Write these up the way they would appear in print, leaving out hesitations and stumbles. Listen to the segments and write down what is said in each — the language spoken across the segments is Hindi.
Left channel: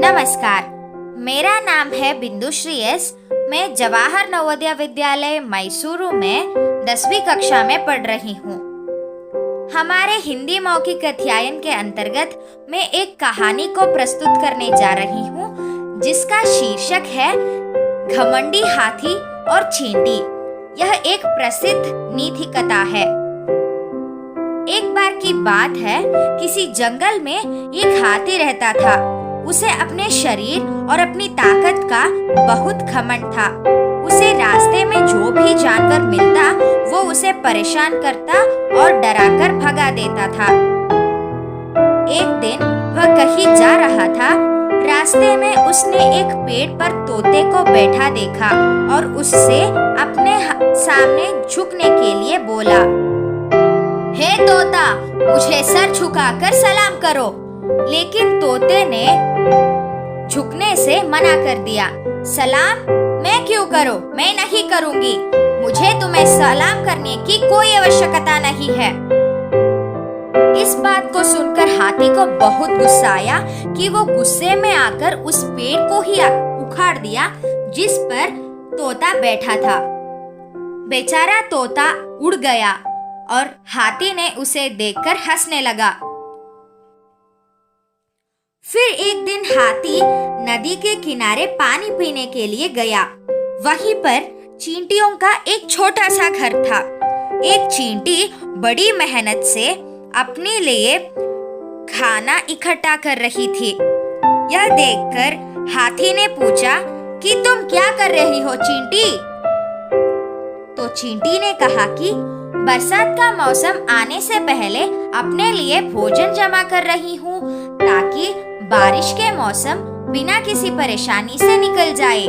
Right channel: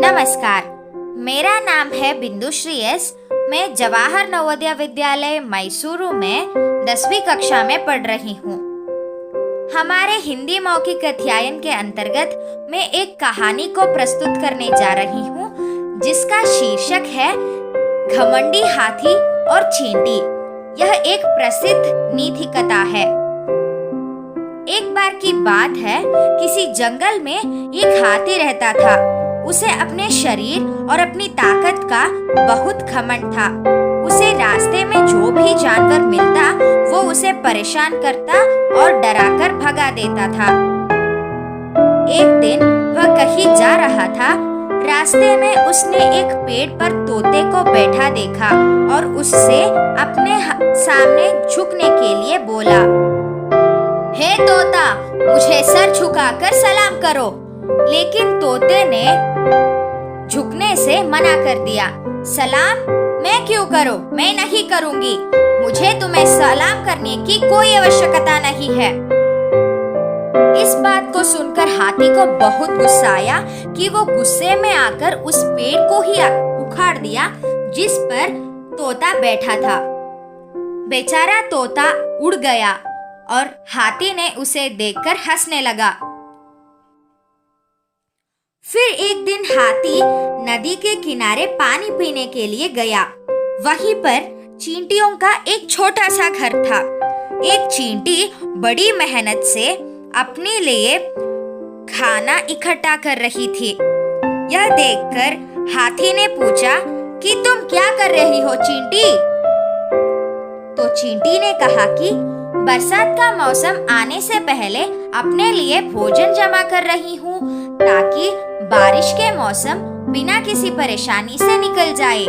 नमस्कार, मेरा नाम है बिंदु श्री एस। मैं जवाहर नवोदय विद्यालय मैसूरू में 10वीं कक्षा में पढ़ रही हूँ। हमारे हिंदी मौखिक अध्ययन के अंतर्गत मैं एक कहानी को प्रस्तुत करने जा रही हूँ, जिसका शीर्षक है घमंडी हाथी और चींटी। यह एक प्रसिद्ध नीति कथा है। एक बार की बात है, किसी जंगल में एक हाथी रहता था। उसे अपने शरीर और अपनी ताकत का बहुत घमंड था। उसे रास्ते में जो भी जानवर मिलता वो उसे परेशान करता और डराकर भगा देता था। एक दिन वह कहीं जा रहा था। रास्ते में उसने एक पेड़ पर तोते को बैठा देखा और उससे अपने सामने झुकने के लिए बोला, हे तोता, मुझे सर झुकाकर सलाम करो। लेकिन तोते ने झुकने से मना कर दिया। सलाम मैं क्यों करूं? मैं नहीं करूंगी। मुझे तुम्हें सलाम करने की कोई आवश्यकता नहीं है। इस बात को सुनकर हाथी को बहुत गुस्सा आया कि वो गुस्से में आकर उस पेड़ को ही उखाड़ दिया जिस पर तोता बैठा था। बेचारा तोता उड़ गया और हाथी ने उसे देखकर हंसने लगा। फिर एक दिन हाथी नदी के किनारे पानी पीने के लिए गया। वहीं पर चींटियों का एक छोटा सा घर था। एक चींटी बड़ी मेहनत से अपने लिए खाना इकट्ठा कर रही थी। यह देखकर हाथी ने पूछा कि तुम क्या कर रही हो चींटी? तो चींटी ने कहा कि बरसात का मौसम आने से पहले अपने लिए भोजन जमा कर रही हूँ, ताकि बारिश के मौसम बिना किसी परेशानी से निकल जाए।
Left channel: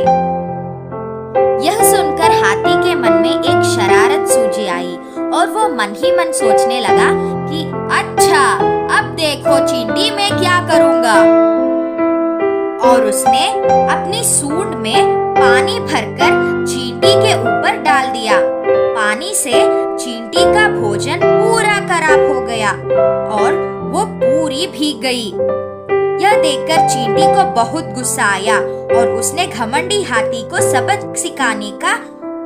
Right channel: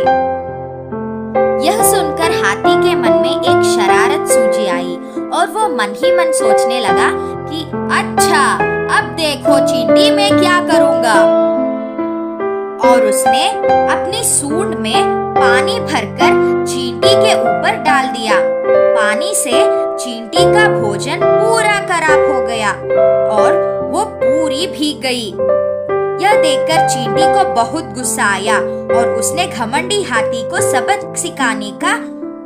यह सुनकर हाथी के मन में एक शरारत सूझी आई और वो मन ही मन सोचने लगा कि अच्छा, अब देखो चींटी मैं क्या करूँगा। और उसने अपनी सूंड में पानी भरकर चींटी के ऊपर डाल दिया। पानी से चींटी का भोजन पूरा खराब हो गया और वो पूरी भीग गई। यह देखकर चींटी को बहुत गुस्सा आया और उसने घमंडी हाथी को सबक सिखाने का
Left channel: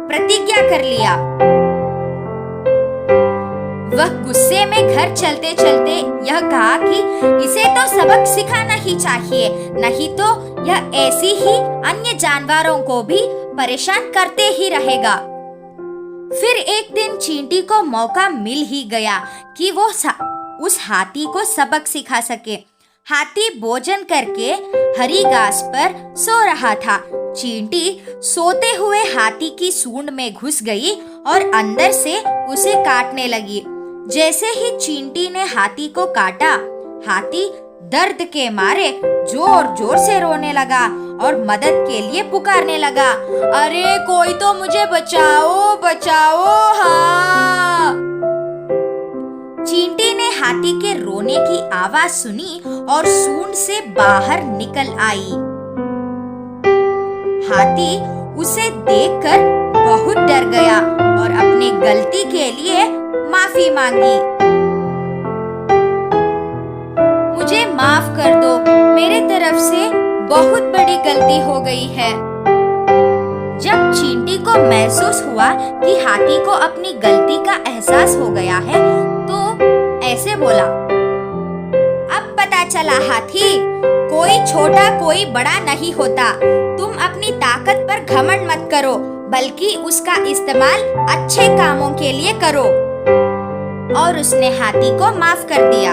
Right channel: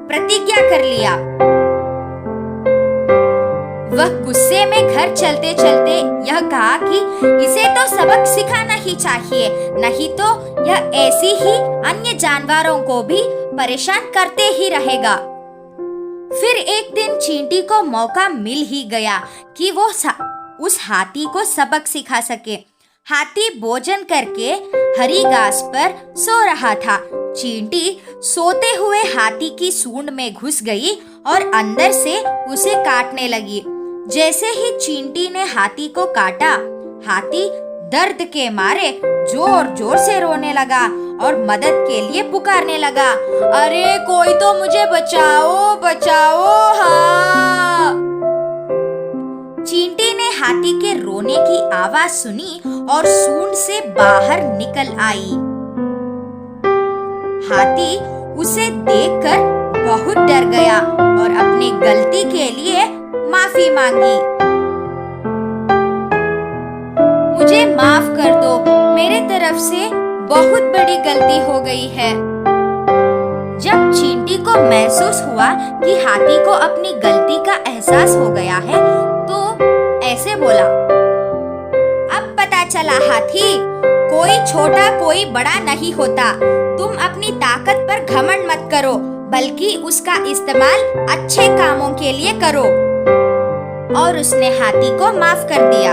प्रतिज्ञा कर लिया। वह गुस्से में घर चलते चलते यह कहा कि इसे तो सबक सिखाना ही चाहिए, नहीं तो यह ऐसी ही अन्य जानवरों को भी परेशान करते ही रहेगा। फिर एक दिन चींटी को मौका मिल ही गया कि वो उस हाथी को सबक सिखा सके। हाथी भोजन करके हरी घास पर सो रहा था। चींटी सोते हुए हाथी की सूंड में घुस गई और अंदर से उसे काटने लगी। जैसे ही चींटी ने हाथी को काटा, हाथी दर्द के मारे जोर जोर से रोने लगा और मदद के लिए पुकारने लगा, अरे कोई तो मुझे बचाओ बचाओ। हाँ। चींटी ने हाथी के रोने की आवाज सुनी और सूंड से बाहर निकल आई। हाथी उसे देखकर बहुत डर गया और अपनी गलती के लिए माफी मांगी। मुझे माफ कर दो, मेरे तरफ से बहुत बड़ी गलती हो गई है। जब चींटी को महसूस हुआ कि हाथी को अपनी गलती का एहसास हो गया है, तो ऐसे बोला, अब पता चला हाथी, कोई छोटा कोई बड़ा नहीं होता। तुम अपनी ताकत पर घमंड मत करो, बल्कि उसका इस्तेमाल अच्छे कामों के लिए करो। और उसने हाथी को माफ कर दिया।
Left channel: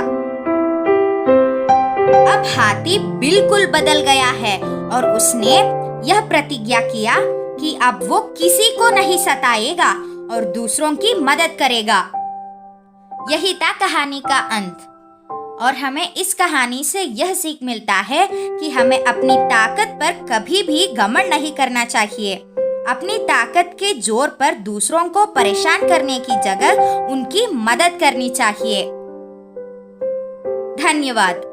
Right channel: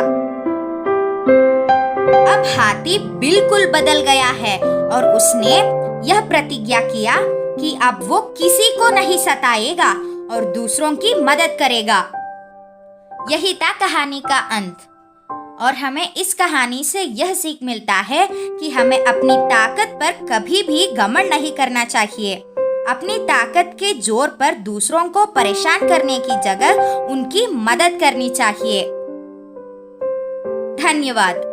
अब हाथी बिल्कुल बदल गया है और उसने यह प्रतिज्ञा किया कि अब वो किसी को नहीं सताएगा और दूसरों की मदद करेगा। यही था कहानी का अंत। और हमें इस कहानी से यह सीख मिलता है कि हमें अपनी ताकत पर कभी भी घमंड नहीं करना चाहिए। अपनी ताकत के जोर पर दूसरों को परेशान करने की जगह उनकी मदद करनी चाहिए। धन्यवाद।